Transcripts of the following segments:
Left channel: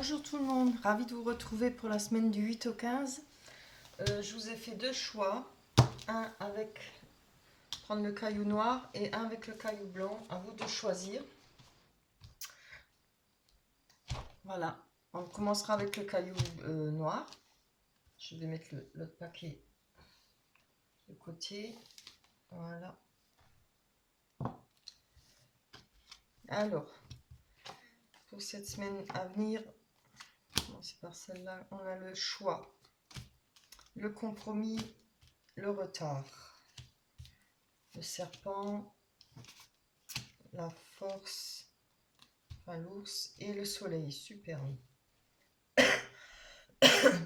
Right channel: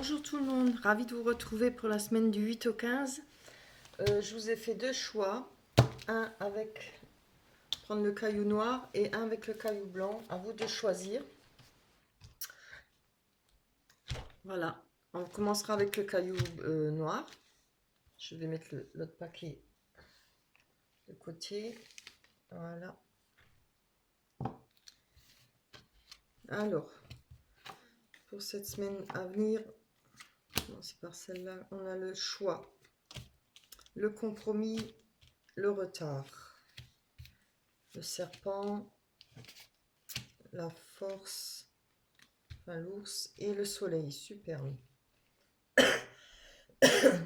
Bonjour tout le monde, ravi de vous retrouver pour la semaine du 8 au 15. Je vous ai fait deux choix, un avec prendre le caillou noir et un avec le caillou blanc, à vous de choisir. Voilà, on commencera avec le caillou noir. Je vais mettre l'autre paquet de côté, voilà. Alors, pour cette semaine à venir, c'est par celle-là, on a le choix, le compromis, le retard, le serpent, la force, enfin l'ours et le soleil. Superbe.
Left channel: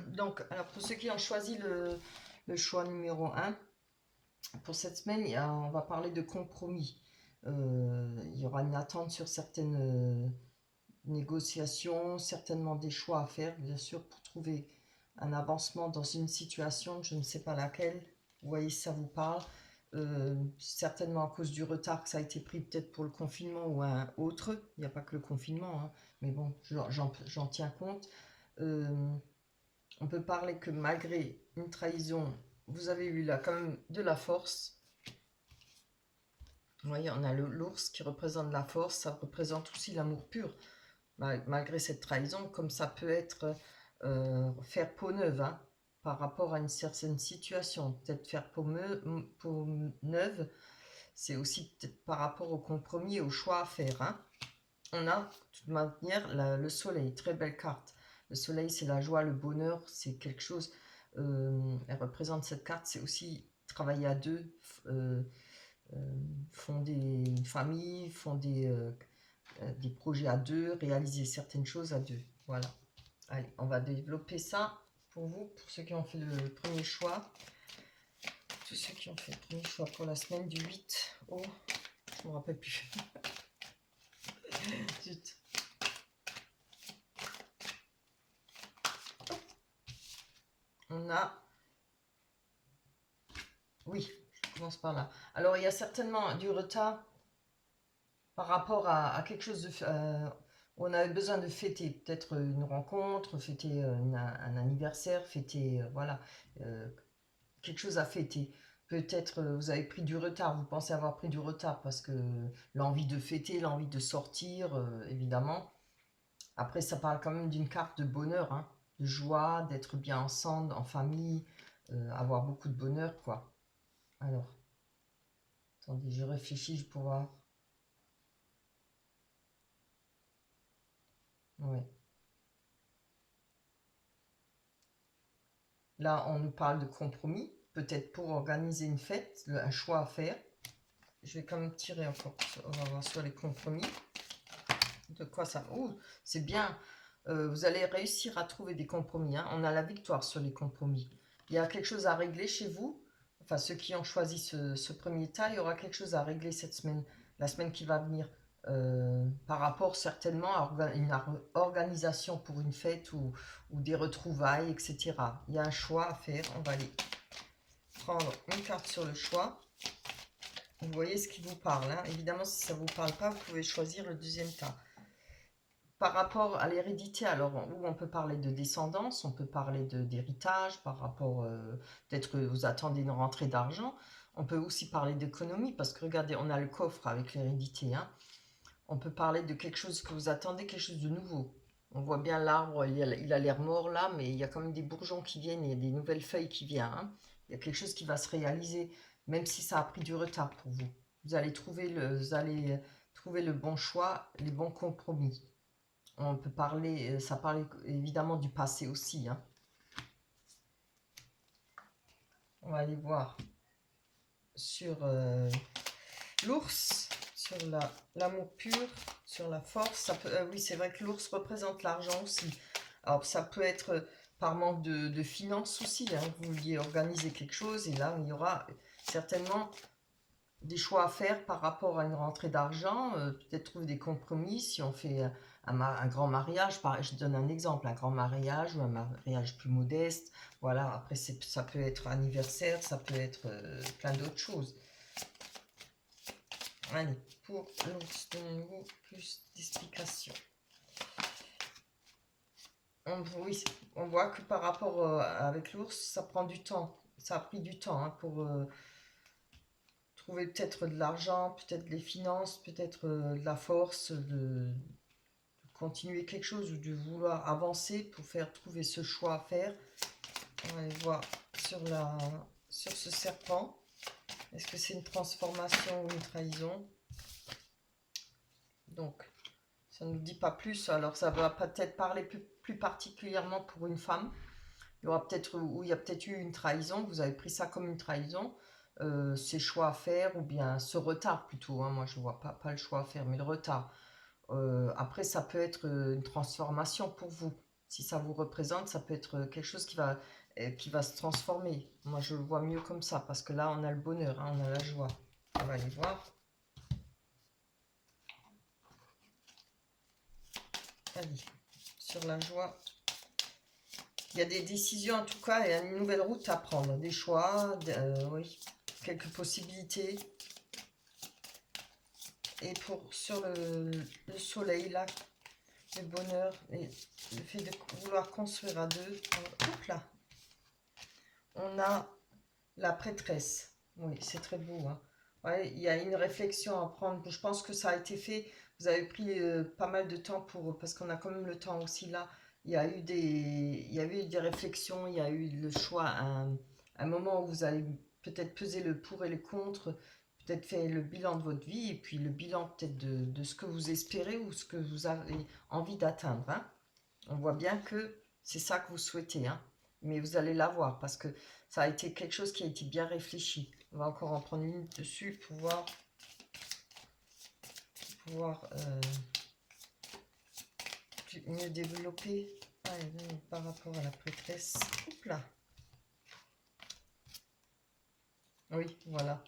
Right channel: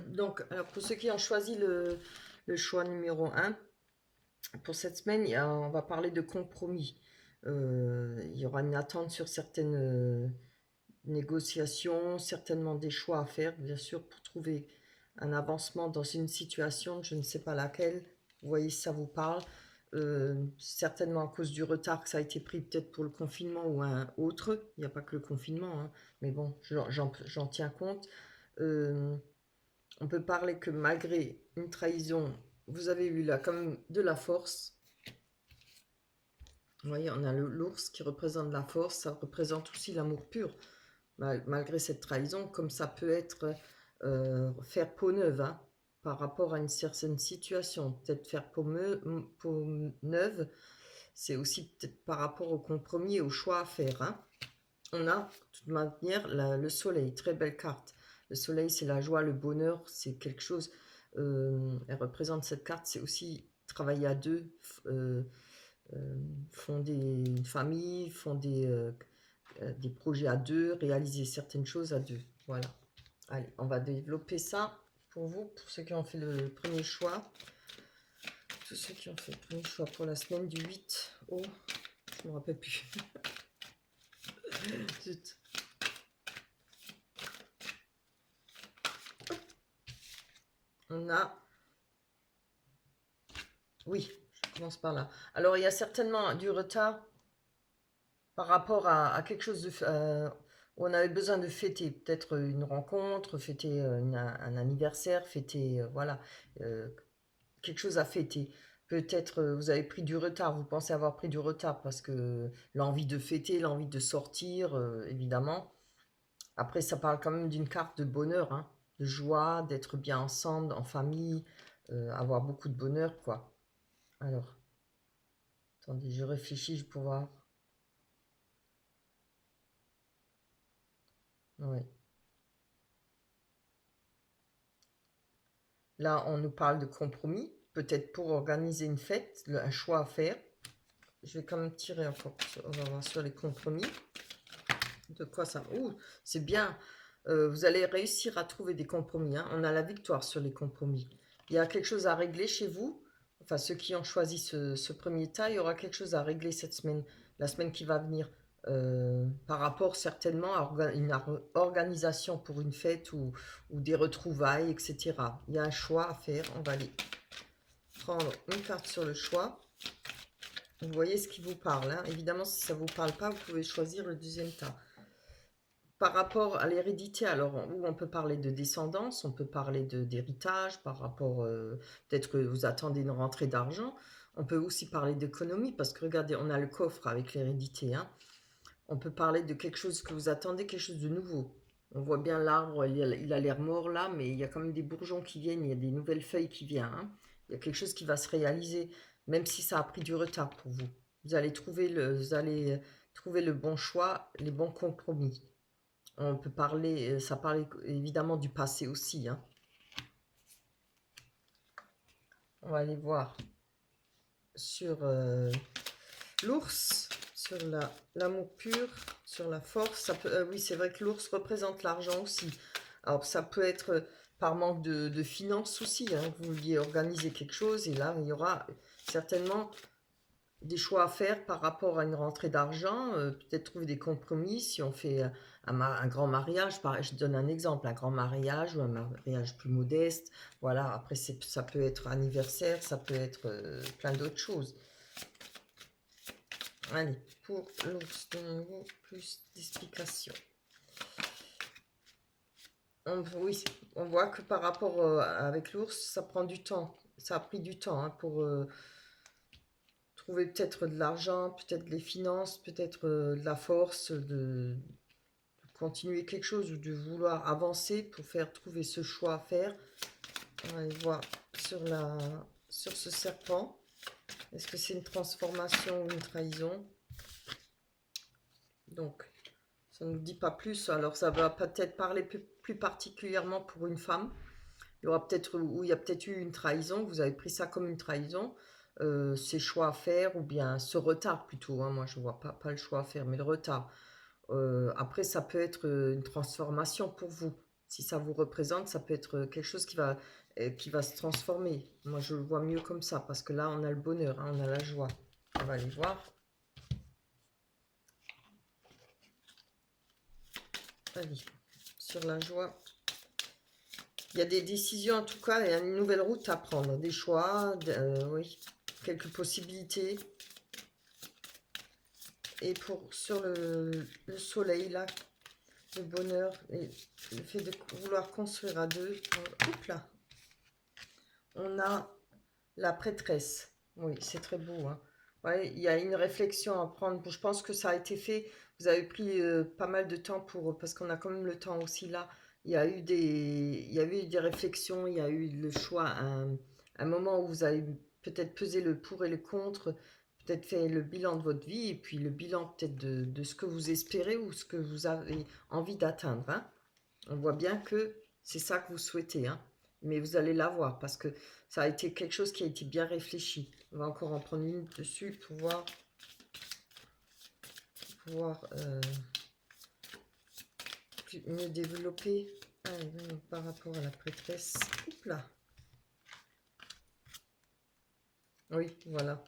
Donc, alors pour ceux qui ont choisi le choix numéro 1, pour cette semaine, on va parler de compromis. Il y aura une attente sur certaines négociations, certainement des choix à faire, bien sûr, pour trouver un avancement dans une situation, je ne sais pas laquelle. Vous voyez si ça vous parle. Certainement à cause du retard que ça a été pris peut-être pour le confinement ou un autre. Il n'y a pas que le confinement, hein, mais bon, j'en tiens compte. On peut parler que malgré une trahison, vous avez eu là quand même de la force. Vous voyez, on a l'ours qui représente la force, ça représente aussi l'amour pur. Malgré cette trahison, comme ça peut être faire peau neuve, hein, par rapport à une certaine situation. Peut-être faire peau neuve, c'est aussi peut-être par rapport au compromis et au choix à faire. Hein. On a, de toute manière, le soleil, très belle carte. Le soleil, c'est la joie, le bonheur, c'est quelque chose, elle représente cette carte, c'est aussi travailler à deux, fonder une famille, fonder des projets à deux, réaliser certaines choses à deux. Voilà. Allez, on va développer ça pour vous, pour ceux qui ont fait le premier choix. Tous ceux qui ont fait le premier choix pour la semaine du 8 au... Je ne me rappelle plus. Zut. On a... Oui, je commence par là. Alors, il y a certainement du retard par rapport à quelque chose de... où on avait besoin de fêter, peut-être une rencontre, fêter un anniversaire, fêter... voilà, quelque chose à fêter. Peut-être vous avez pris du retard, vous pensez avoir pris du retard parce que l'envie de fêter, l'envie de sortir, évidemment. Après, ça parle quand même d'une carte de bonheur, hein, de joie, d'être bien ensemble, en famille, avoir beaucoup de bonheur, quoi. Alors, attendez, je réfléchis, je vais pouvoir... Ouais. Là, on nous parle de compromis, peut-être pour organiser une fête, un choix à faire. Je vais quand même tirer encore, on va voir sur les compromis. De quoi ça... Ouh, c'est bien. Vous allez réussir à trouver des compromis. Hein. On a la victoire sur les compromis. Il y a quelque chose à régler chez vous. Enfin, ceux qui ont choisi ce premier tas, il y aura quelque chose à régler cette semaine, la semaine qui va venir. Par rapport certainement à une organisation pour une fête ou des retrouvailles, etc. Il y a un choix à faire. On va aller prendre une carte sur le choix. Vous voyez ce qui vous parle. Hein. Évidemment, si ça ne vous parle pas, vous pouvez choisir le deuxième tas. Par rapport à l'hérédité, alors où on peut parler de descendance, on peut parler d'héritage, par rapport, peut-être que vous attendez une rentrée d'argent. On peut aussi parler d'économie, parce que regardez, on a le coffre avec l'hérédité. Hein. On peut parler de quelque chose que vous attendez, quelque chose de nouveau. On voit bien l'arbre, il a l'air mort là, mais il y a quand même des bourgeons qui viennent, il y a des nouvelles feuilles qui viennent. Hein. Il y a quelque chose qui va se réaliser, même si ça a pris du retard pour vous. Vous allez trouver le bon choix, les bons compromis. On peut parler, ça parle évidemment du passé aussi. Hein. On va aller voir sur l'ours, sur l'amour pur, sur la force. Ça peut, oui, c'est vrai que l'ours représente l'argent aussi. Alors ça peut être par manque de finances aussi. Hein. Vous vouliez organiser quelque chose et là, il y aura certainement des choix à faire par rapport à une rentrée d'argent, peut-être trouver des compromis si on fait un grand mariage, je donne un exemple, un grand mariage ou un mariage plus modeste, voilà, après ça peut être anniversaire, ça peut être plein d'autres choses. Allez, pour l'ours, donnez-nous plus d'explications. oui, on voit que par rapport avec l'ours, ça prend du temps. Ça a pris du temps hein, pour trouver peut-être de l'argent, peut-être des finances, peut-être de la force, de continuer quelque chose ou de vouloir avancer pour faire trouver ce choix à faire. On va aller voir sur ce serpent. Est-ce que c'est une transformation ou une trahison? Donc, ça ne nous dit pas plus. Alors, ça va peut-être parler plus particulièrement pour une femme. Il y aura peut-être, ou il y a peut-être eu une trahison. Vous avez pris ça comme une trahison. Ces choix à faire, ou bien ce retard plutôt. Hein. Moi, je ne vois pas le choix à faire, mais le retard. Après, ça peut être une transformation pour vous. Si ça vous représente, ça peut être quelque chose qui va se transformer. Moi, je le vois mieux comme ça, parce que là, on a le bonheur, hein, on a la joie. On va aller voir. Allez, sur la joie. Il y a des décisions, en tout cas, il y a une nouvelle route à prendre. Des choix, oui, quelques possibilités. Et sur le soleil, là, le bonheur et le fait de vouloir construire à deux. Hop là. On a la prêtresse. Oui, c'est très beau. Hein. Ouais, il y a une réflexion à prendre. Je pense que ça a été fait. Vous avez pris pas mal de temps parce qu'on a quand même le temps aussi là. Il y a eu des réflexions. Il y a eu le choix. Un moment où vous avez peut-être pesé le pour et le contre. Peut-être fait le bilan de votre vie et puis le bilan peut-être de ce que vous espérez ou ce que vous avez envie d'atteindre. Hein. On voit bien que c'est ça que vous souhaitez. Hein. Mais vous allez l'avoir parce que ça a été quelque chose qui a été bien réfléchi. On va encore en prendre une dessus pour pouvoir mieux développer. Allez, par rapport à la prêtresse. Oups là. Oui, voilà.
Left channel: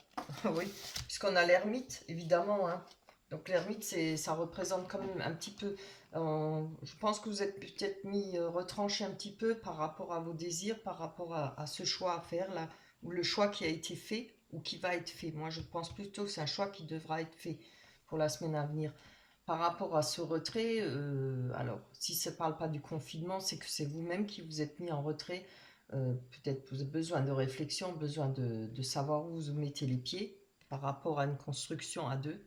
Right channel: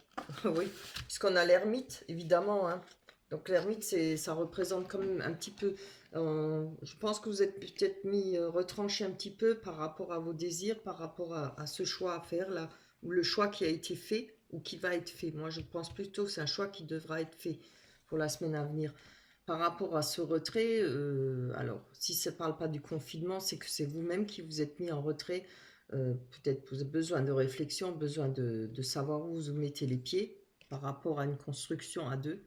Oui, puisqu'on a l'ermite, évidemment. Hein. Donc l'ermite, ça représente quand même un petit peu... je pense que vous êtes peut-être retranché un petit peu par rapport à vos désirs, par rapport à ce choix à faire, là, ou le choix qui a été fait, ou qui va être fait. Moi, je pense plutôt que c'est un choix qui devra être fait pour la semaine à venir. Par rapport à ce retrait, alors, si ça ne parle pas du confinement, c'est que c'est vous-même qui vous êtes mis en retrait. Peut-être vous avez besoin de réflexion, besoin de savoir où vous mettez les pieds par rapport à une construction à deux,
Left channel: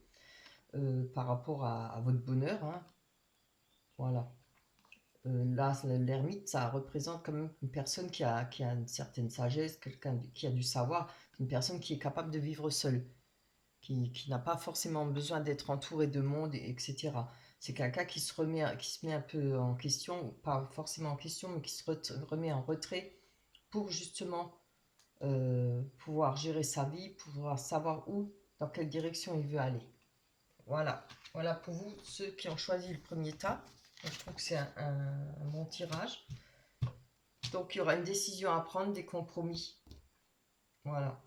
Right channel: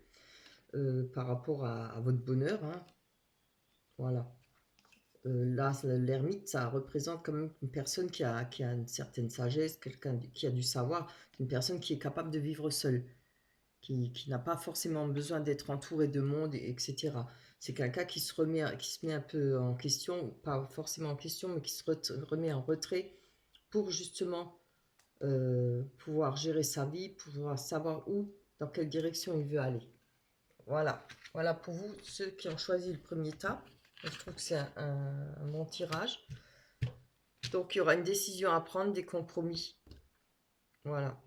par rapport à votre bonheur. Hein. Voilà. Là, l'ermite, ça représente quand même une personne qui a une certaine sagesse, quelqu'un qui a du savoir, une personne qui est capable de vivre seule, qui n'a pas forcément besoin d'être entouré de monde, etc. C'est quelqu'un qui se met un peu en question, pas forcément en question, mais qui se remet en retrait pour justement pouvoir gérer sa vie, pouvoir savoir dans quelle direction il veut aller. Voilà, voilà pour vous, ceux qui ont choisi le premier tas. Je trouve que c'est un bon tirage. Donc il y aura une décision à prendre, des compromis. Voilà.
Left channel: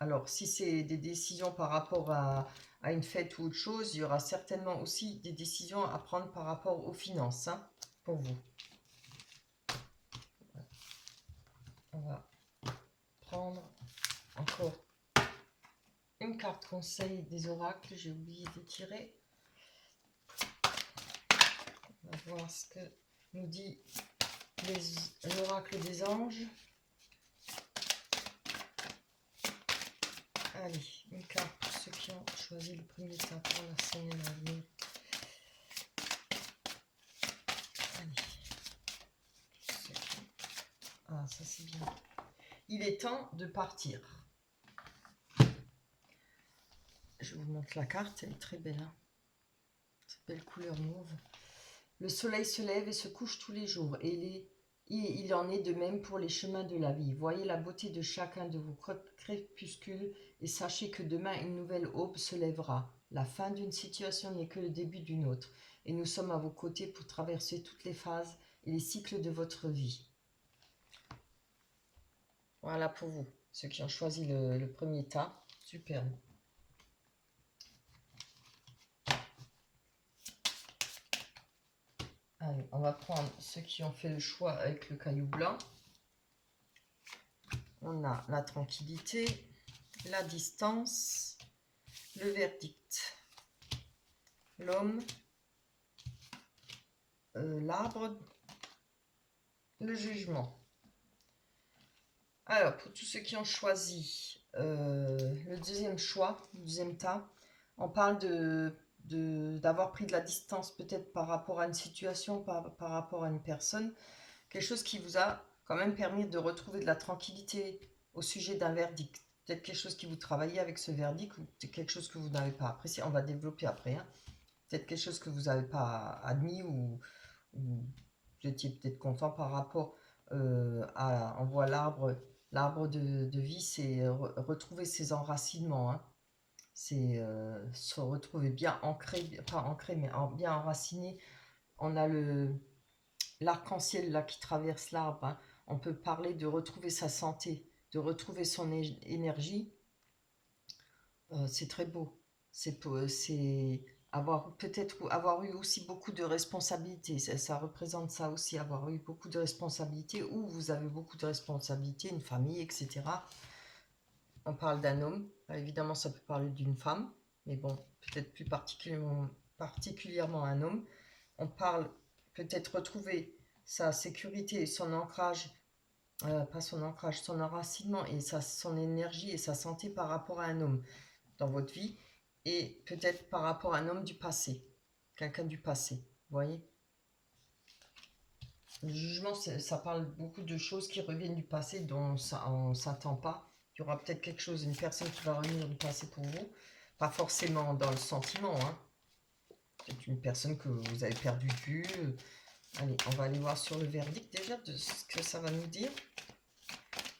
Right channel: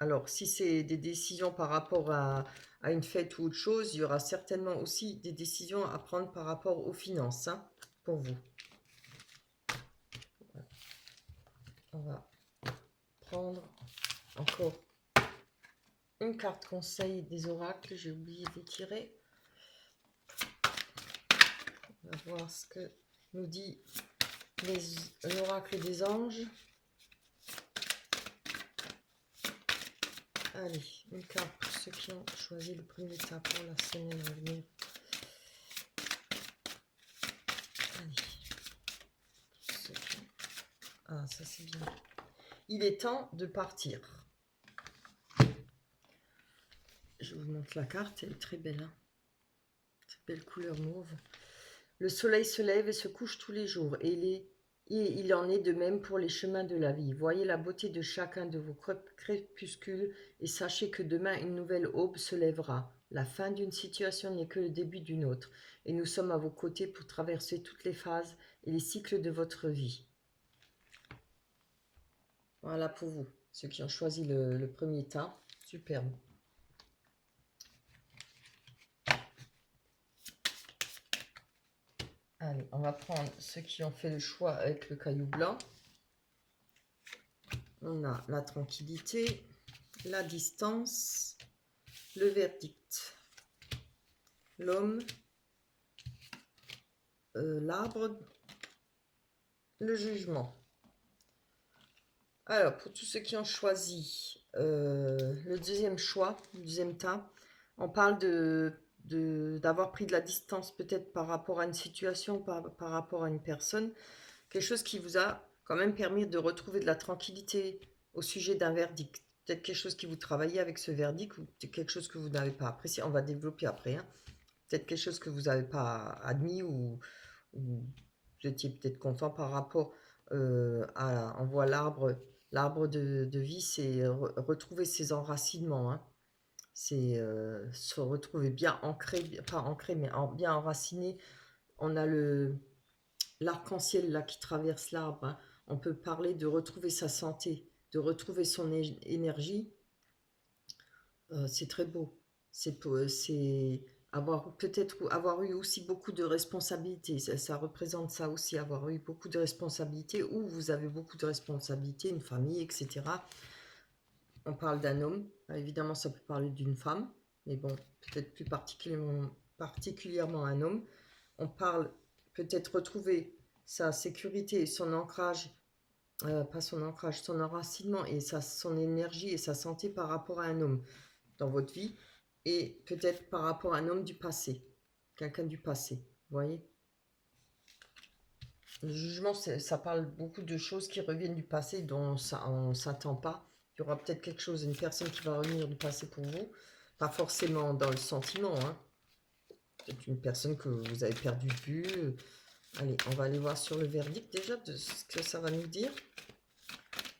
Alors si c'est des décisions par rapport à une fête ou autre chose, il y aura certainement aussi des décisions à prendre par rapport aux finances, hein, pour vous. On va prendre encore une carte conseil des oracles, j'ai oublié de tirer. On va voir ce que nous dit l'oracle des anges. Allez, une carte pour ceux qui ont choisi le premier tas pour la semaine à venir. Allez. Ah, ça c'est bien. Il est temps de partir. Je vous montre la carte, elle est très belle. Hein. Cette belle couleur mauve. Le soleil se lève et se couche tous les jours, et il en est de même pour les chemins de la vie. Voyez la beauté de chacun de vos crépuscules et sachez que demain une nouvelle aube se lèvera. La fin d'une situation n'est que le début d'une autre, et nous sommes à vos côtés pour traverser toutes les phases et les cycles de votre vie. Voilà pour vous, ceux qui ont choisi le premier tas. Superbe. Allez, on va prendre ceux qui ont fait le choix avec le caillou blanc. On a la tranquillité, la distance, le verdict, l'homme, l'arbre le jugement. Alors, pour tous ceux qui ont choisi le deuxième choix, le deuxième tas, on parle d'avoir pris de la distance peut-être par rapport à une situation, par rapport à une personne, quelque chose qui vous a quand même permis de retrouver de la tranquillité au sujet d'un verdict. Peut-être quelque chose qui vous travaillez avec ce verdict ou quelque chose que vous n'avez pas apprécié. On va développer après. Hein. Peut-être quelque chose que vous n'avez pas admis ou vous étiez peut-être content par rapport à, on voit l'arbre de vie, c'est retrouver ses enracinements. Hein. C'est se retrouver bien ancré, pas ancré, mais bien enraciné. On a l'arc-en-ciel là qui traverse l'arbre. Hein. On peut parler de retrouver sa santé, de retrouver son énergie. C'est très beau. C'est avoir peut-être avoir eu aussi beaucoup de responsabilités. Ça représente ça aussi, avoir eu beaucoup de responsabilités, ou vous avez beaucoup de responsabilités, une famille, etc. On parle d'un homme. Évidemment, ça peut parler d'une femme, mais bon, peut-être plus particulièrement un homme. On parle peut-être retrouver sa sécurité, son ancrage, pas son ancrage, son enracinement et son énergie et sa santé par rapport à un homme dans votre vie, et peut-être par rapport à un homme du passé, quelqu'un du passé, vous voyez. Le jugement, ça parle beaucoup de choses qui reviennent du passé dont on ne s'attend pas. Il y aura peut-être quelque chose, une personne qui va revenir du passé pour vous, pas forcément dans le sentiment, hein. Peut-être une personne que vous avez perdu de vue. Allez, on va aller voir sur le verdict déjà de ce que ça va nous dire.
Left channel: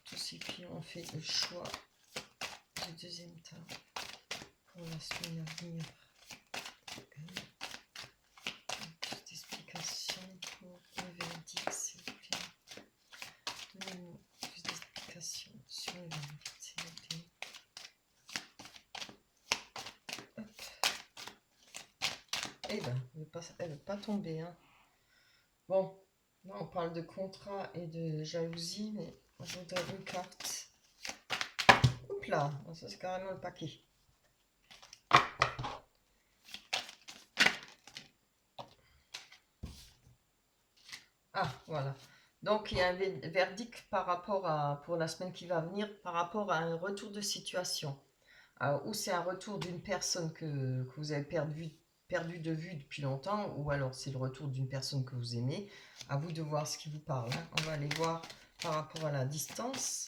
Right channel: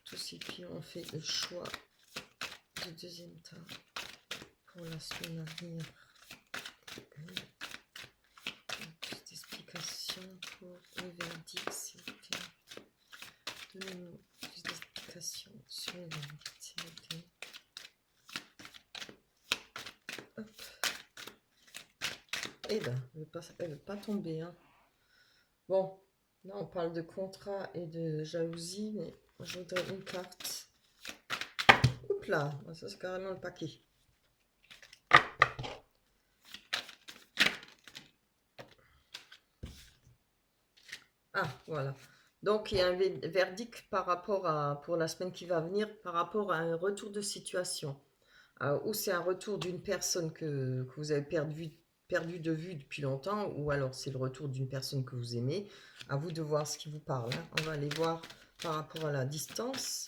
Tous ces filles ont fait le choix du deuxième tas pour la semaine à venir. Petite explication pour le verdict, s'il vous plaît. Donnez-nous plus d'explications sur le verdict, s'il vous plaît. Hop. Eh ben, elle ne veut pas tomber. Hein. Bon, là on parle de contrat et de jalousie, mais je vous donne une carte. Oups là, ça c'est carrément le paquet. Ah, voilà. Donc, il y a un verdict par rapport à, pour la semaine qui va venir, par rapport à un retour de situation. Ou c'est un retour d'une personne que vous avez perdu de vue depuis longtemps, ou alors c'est le retour d'une personne que vous aimez. À vous de voir ce qui vous parle. Hein. On va aller voir par rapport à la distance.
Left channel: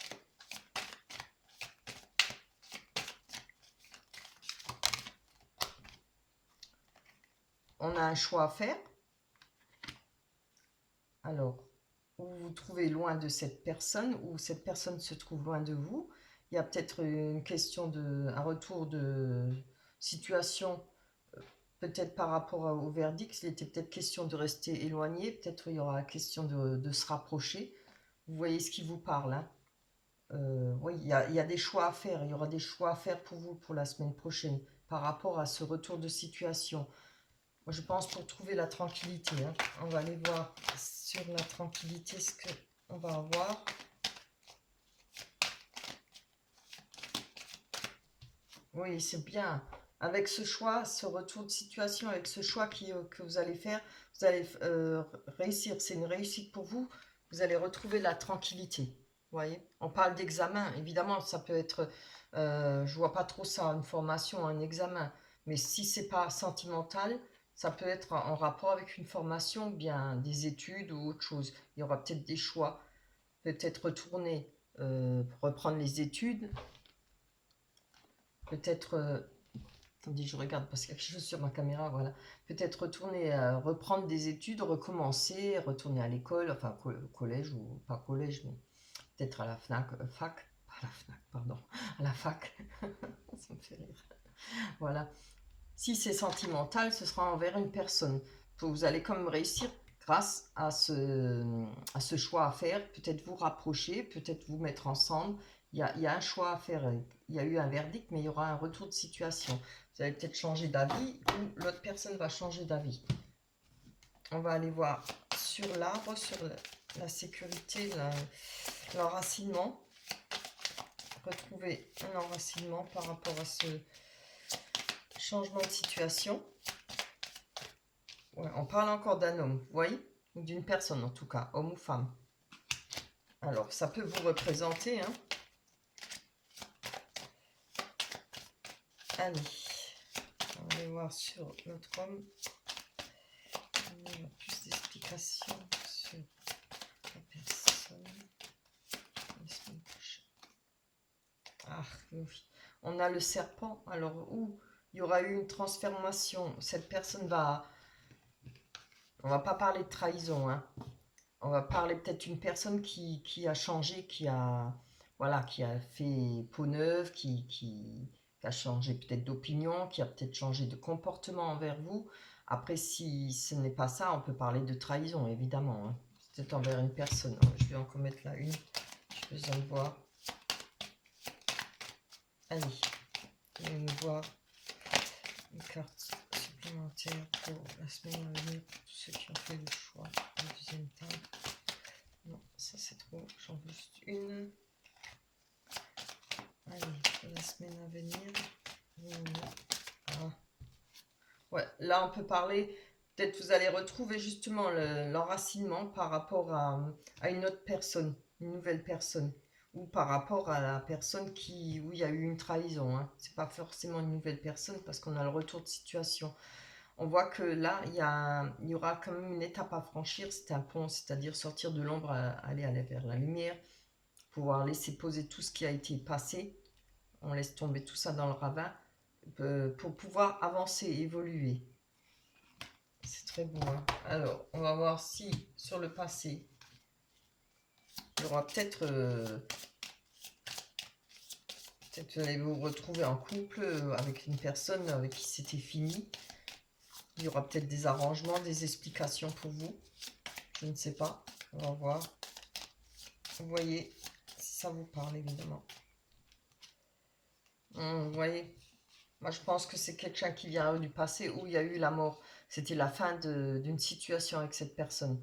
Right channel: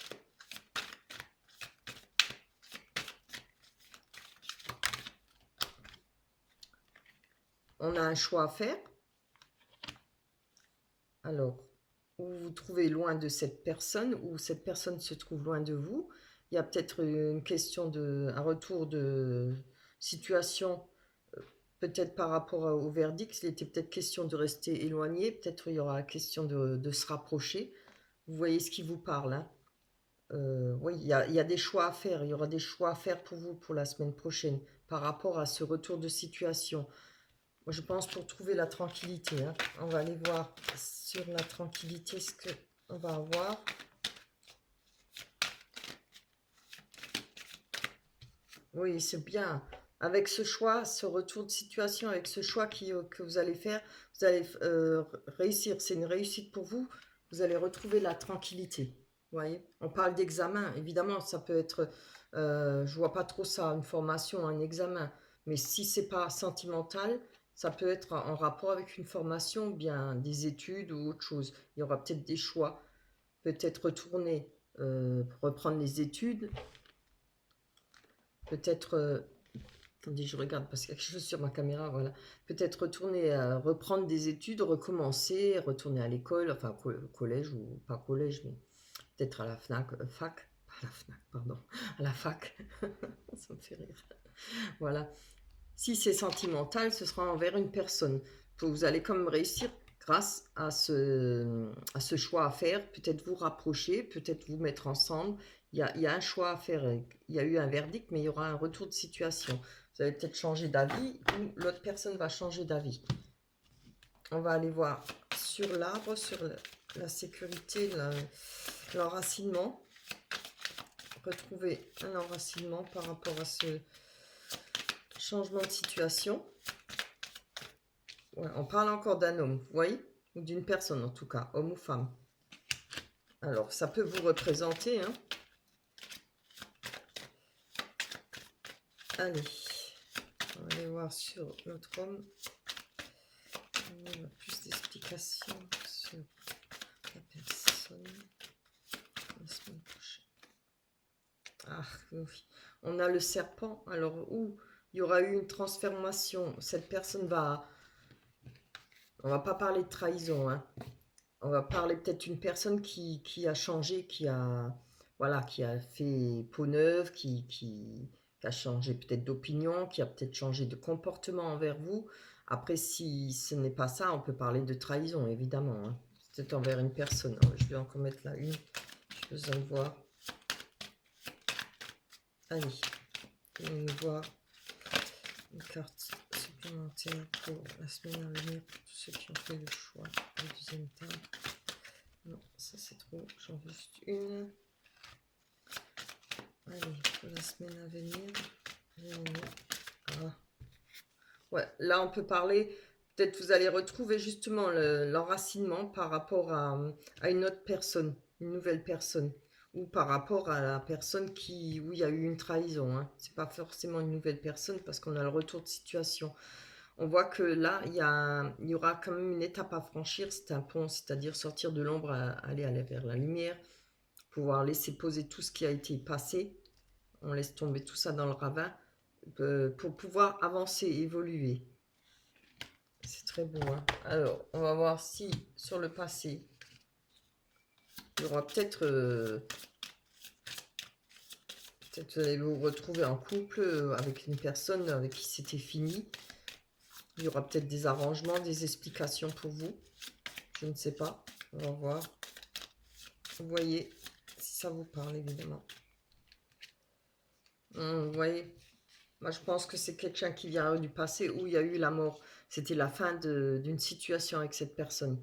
On a un choix à faire. Alors, vous vous trouvez loin de cette personne, ou cette personne se trouve loin de vous. Il y a peut-être une question un retour de situation, peut-être par rapport au verdict. Il était peut-être question de rester éloigné, peut-être il y aura question de se rapprocher. Vous voyez ce qui vous parle. Hein. Oui, il y a des choix à faire. Il y aura des choix à faire pour vous pour la semaine prochaine par rapport à ce retour de situation. Moi, je pense pour trouver la tranquillité. Hein. On va aller voir sur la tranquillité ce qu'on va avoir. Oui, c'est bien. Avec ce choix, ce retour de situation, avec ce choix que vous allez faire, vous allez réussir. C'est une réussite pour vous. Vous allez retrouver la tranquillité. Vous voyez, on parle d'examen. Évidemment, ça peut être... je vois pas trop ça, une formation, un examen. Mais si c'est pas sentimental, ça peut être en rapport avec une formation, ou bien des études ou autre chose. Il y aura peut-être des choix. Peut-être retourner, reprendre les études. Peut-être... attendez, je regarde parce qu'il y a quelque chose sur ma caméra, voilà. Peut-être retourner, reprendre des études, recommencer, retourner à l'école, enfin collège ou pas collège, mais peut-être à la fac, pas à la FNAC, pardon, à la fac. Ça me fait rire. Voilà. Si c'est sentimental, ce sera envers une personne. Vous allez quand même réussir grâce à ce choix à faire. Peut-être vous rapprocher, peut-être vous mettre ensemble. Il y a un choix à faire. Il y a eu un verdict, mais il y aura un retour de situation. Vous allez peut-être changer d'avis ou l'autre personne va changer d'avis. On va aller voir sur l'arbre, sur la sécurité, l'enracinement. Retrouver un enracinement par rapport à ce changement de situation. Ouais, on parle encore d'un homme, vous voyez, ou d'une personne en tout cas, homme ou femme. Alors, ça peut vous représenter, hein. Allez, on va aller voir sur notre homme. Il y a plus d'explications sur la personne. La semaine prochaine. Ah oui, on a le serpent. Alors, où il y aura eu une transformation, cette personne va... On va pas parler de trahison, hein. On va parler peut-être d'une personne qui a changé, qui a, voilà, qui a fait peau neuve, qui a changé peut-être d'opinion, qui a peut-être changé de comportement envers vous. Après, si ce n'est pas ça, on peut parler de trahison, évidemment, hein. C'est peut-être envers une personne. Je vais encore mettre là une. Je vais en voir. Allez, on va voir une carte supplémentaire pour la semaine à venir, pour tous ceux qui ont fait le choix du deuxième thème. Non, ça c'est trop, j'en veux juste une. Allez, pour la semaine à venir. Ah. Ouais, là on peut parler, peut-être vous allez retrouver justement l'enracinement par rapport à une autre personne, une nouvelle personne. Ou par rapport à la personne où il y a eu une trahison, hein. C'est pas forcément une nouvelle personne parce qu'on a le retour de situation. On voit que là, il y aura quand même une étape à franchir. C'est un pont, c'est-à-dire sortir de l'ombre, aller vers la lumière, pouvoir laisser poser tout ce qui a été passé. On laisse tomber tout ça dans le ravin pour pouvoir avancer, évoluer. C'est très beau, hein. Alors, on va voir si sur le passé, il y aura peut-être... peut-être vous allez vous retrouver en couple avec une personne avec qui c'était fini. Il y aura peut-être des arrangements, des explications pour vous. Je ne sais pas. On va voir. Vous voyez, si ça vous parle, évidemment. Vous voyez, moi je pense que c'est quelqu'un qui vient du passé où il y a eu la mort. C'était la fin d'une situation avec cette personne.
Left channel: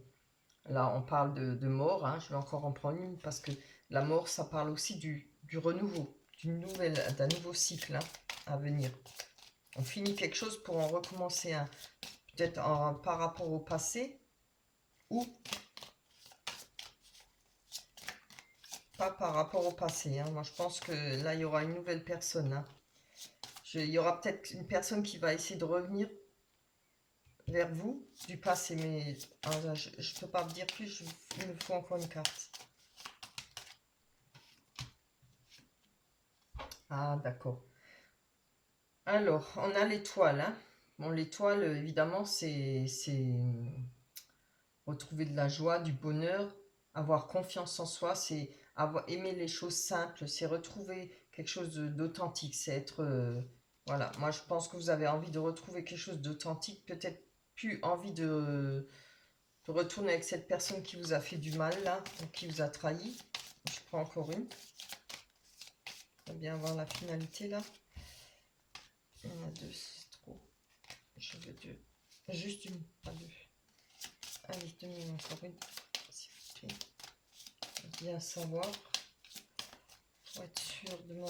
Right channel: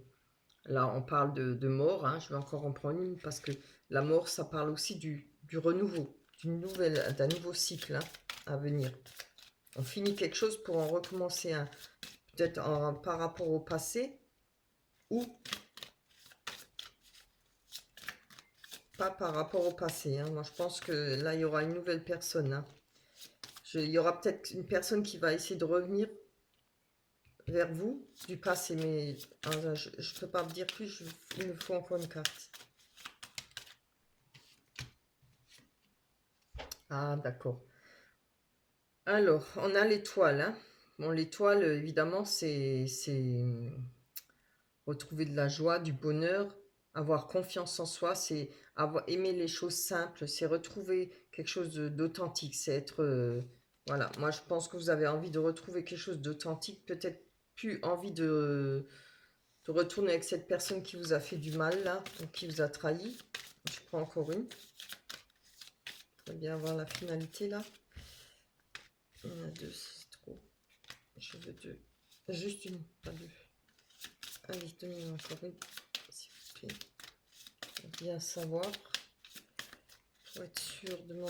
Là, on parle de mort, hein. Je vais encore en prendre une parce que la mort, ça parle aussi du renouveau, d'un nouveau cycle, hein, à venir. On finit quelque chose pour en recommencer un. Peut-être par rapport au passé ou pas par rapport au passé, hein. Moi, je pense que là, il y aura une nouvelle personne, hein. Il y aura peut-être une personne qui va essayer de revenir vers vous du passé, mais je ne peux pas vous dire plus, il me faut encore une carte. Ah, d'accord. Alors, on a l'étoile, hein. Bon, l'étoile, évidemment, c'est retrouver de la joie, du bonheur, avoir confiance en soi, c'est aimer les choses simples, c'est retrouver quelque chose d'authentique, c'est être... voilà, moi je pense que vous avez envie de retrouver quelque chose d'authentique, peut-être plus envie de retourner avec cette personne qui vous a fait du mal, là, ou qui vous a trahi. Je prends encore une. On va bien avoir la finalité, là. Il y en a deux, c'est trop. Je veux deux. Juste une, pas deux. Allez, donnez-moi encore une, s'il vous plaît. Bien savoir. Pour être sûr de mon...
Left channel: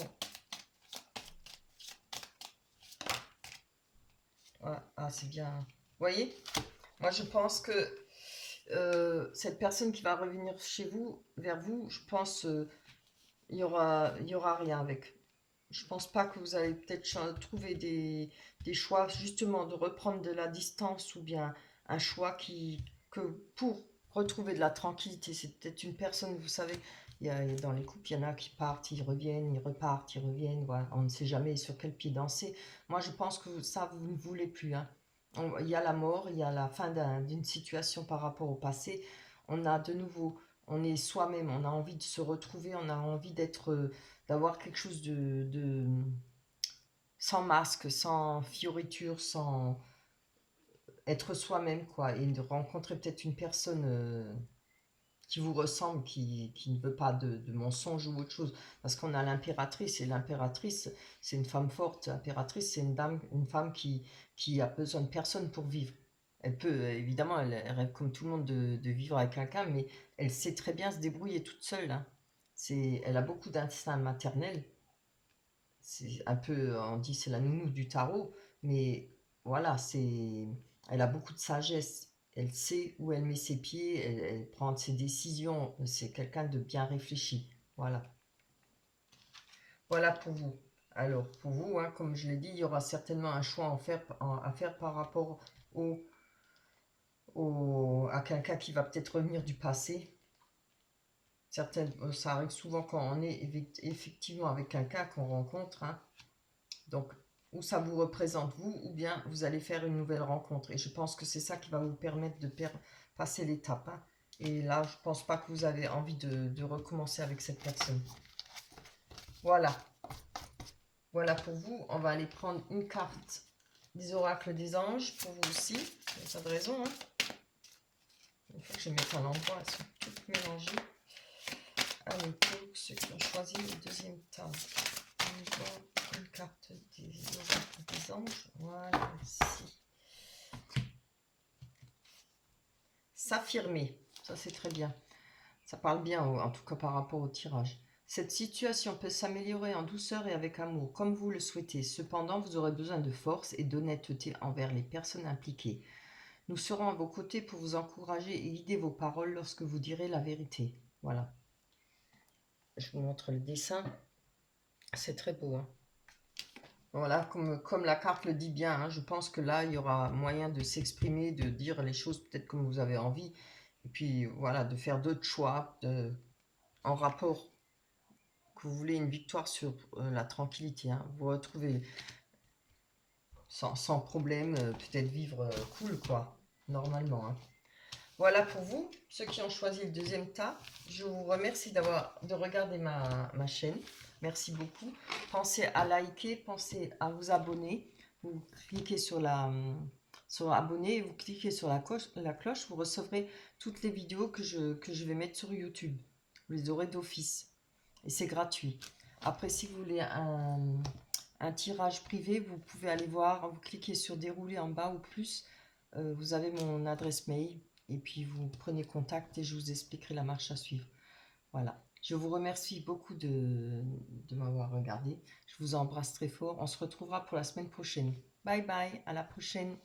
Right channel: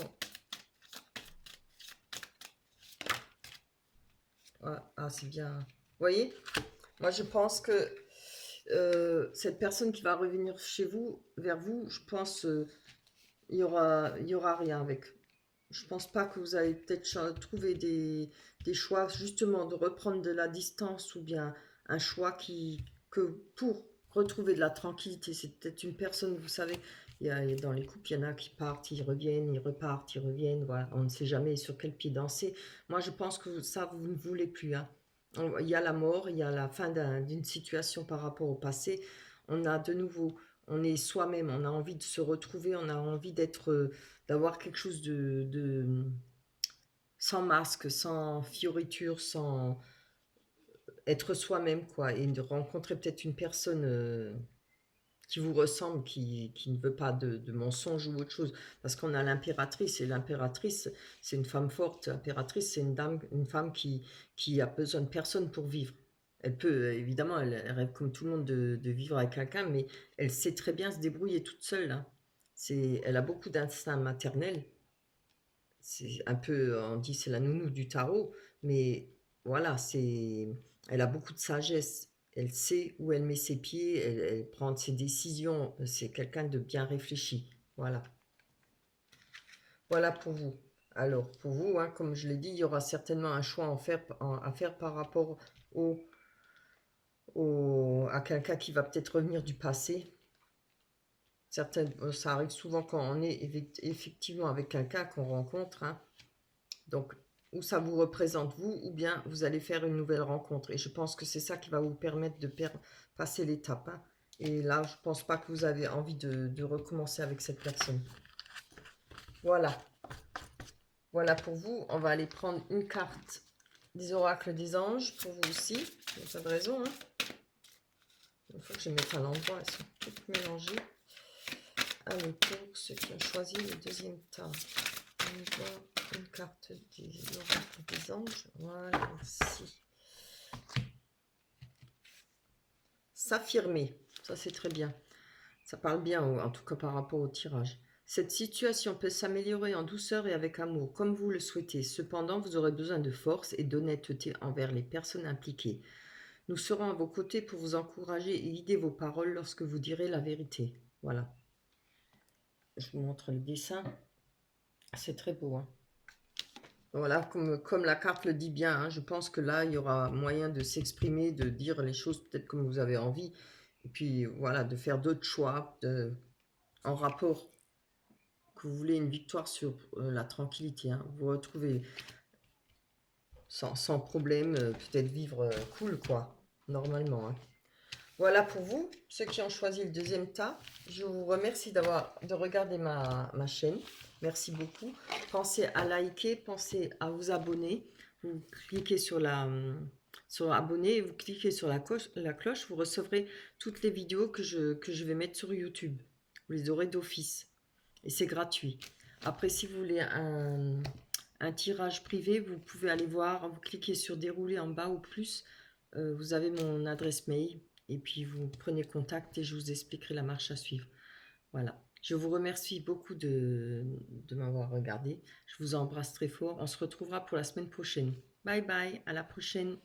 Voilà. Ah, c'est bien. Vous voyez? Moi, je pense que cette personne qui va revenir chez vous, vers vous, je pense il y aura rien avec. Je pense pas que vous allez peut-être trouver des choix, justement, de reprendre de la distance ou bien un choix que pour retrouver de la tranquillité, c'est peut-être une personne, vous savez, dans les couples, il y en a qui partent, ils reviennent, ils repartent, ils reviennent, voilà, on ne sait jamais sur quel pied danser. Moi, je pense que ça, vous ne voulez plus, hein. Il y a la mort, il y a la fin d'une situation par rapport au passé. On a de nouveau, on est soi-même, on a envie de se retrouver, on a envie d'avoir quelque chose sans masque, sans fioriture, sans être soi-même, quoi, et de rencontrer peut-être une personne qui vous ressemble, qui ne veut pas de mensonges ou autre chose, parce qu'on a l'impératrice, et l'impératrice, c'est une femme forte. L'impératrice, c'est une femme qui a besoin de personne pour vivre. Elle peut, évidemment, elle rêve comme tout le monde de vivre avec quelqu'un, mais elle sait très bien se débrouiller toute seule, hein. Elle a beaucoup d'instinct maternel. C'est un peu, on dit c'est la nounou du tarot, mais voilà, elle a beaucoup de sagesse. Elle sait où elle met ses pieds, elle prend ses décisions. C'est quelqu'un de bien réfléchi. Voilà. Voilà pour vous. Alors, pour vous, hein, comme je l'ai dit, il y aura certainement un choix à faire par rapport à quelqu'un qui va peut-être revenir du passé. Ça arrive souvent quand on est effectivement avec quelqu'un qu'on rencontre. Hein. Donc, ou ça vous représente vous, ou bien vous allez faire une nouvelle rencontre. Et je pense que c'est ça qui va vous permettre de passer l'étape. Hein. Et là, je ne pense pas que vous avez envie de recommencer avec cette personne. Voilà. Voilà pour vous. On va aller prendre une carte des oracles des anges pour vous aussi. Vous avez raison. Hein. Il faut que je mette à l'endroit. Elles sont toutes mélangées. Allez, pour ceux qui ont choisi le deuxième tas. On voit une carte des oracles des anges. Voilà, ici. S'affirmer. Ça, c'est très bien. Ça parle bien, en tout cas par rapport au tirage. Cette situation peut s'améliorer en douceur et avec amour, comme vous le souhaitez. Cependant, vous aurez besoin de force et d'honnêteté envers les personnes impliquées. Nous serons à vos côtés pour vous encourager et guider vos paroles lorsque vous direz la vérité. Voilà. Je vous montre le dessin. C'est très beau. Hein. Voilà, comme la carte le dit bien, hein, je pense que là, il y aura moyen de s'exprimer, de dire les choses peut-être comme vous avez envie. Et puis, voilà, de faire d'autres choix en rapport que vous voulez une victoire sur la tranquillité, hein, vous retrouvez sans problème, peut-être vivre cool, quoi, normalement. Hein. Voilà pour vous, ceux qui ont choisi le deuxième tas. Je vous remercie de regarder ma chaîne. Merci beaucoup. Pensez à liker, pensez à vous abonner. Vous cliquez sur abonner et vous cliquez sur la cloche. Vous recevrez toutes les vidéos que je vais mettre sur YouTube. Vous les aurez d'office. Et c'est gratuit. Après, si vous voulez un tirage privé, vous pouvez aller voir, vous cliquez sur dérouler en bas ou plus, vous avez mon adresse mail et puis vous prenez contact et je vous expliquerai la marche à suivre. Voilà. Je vous remercie beaucoup de m'avoir regardé. Je vous embrasse très fort. On se retrouvera pour la semaine prochaine. Bye bye, à la prochaine.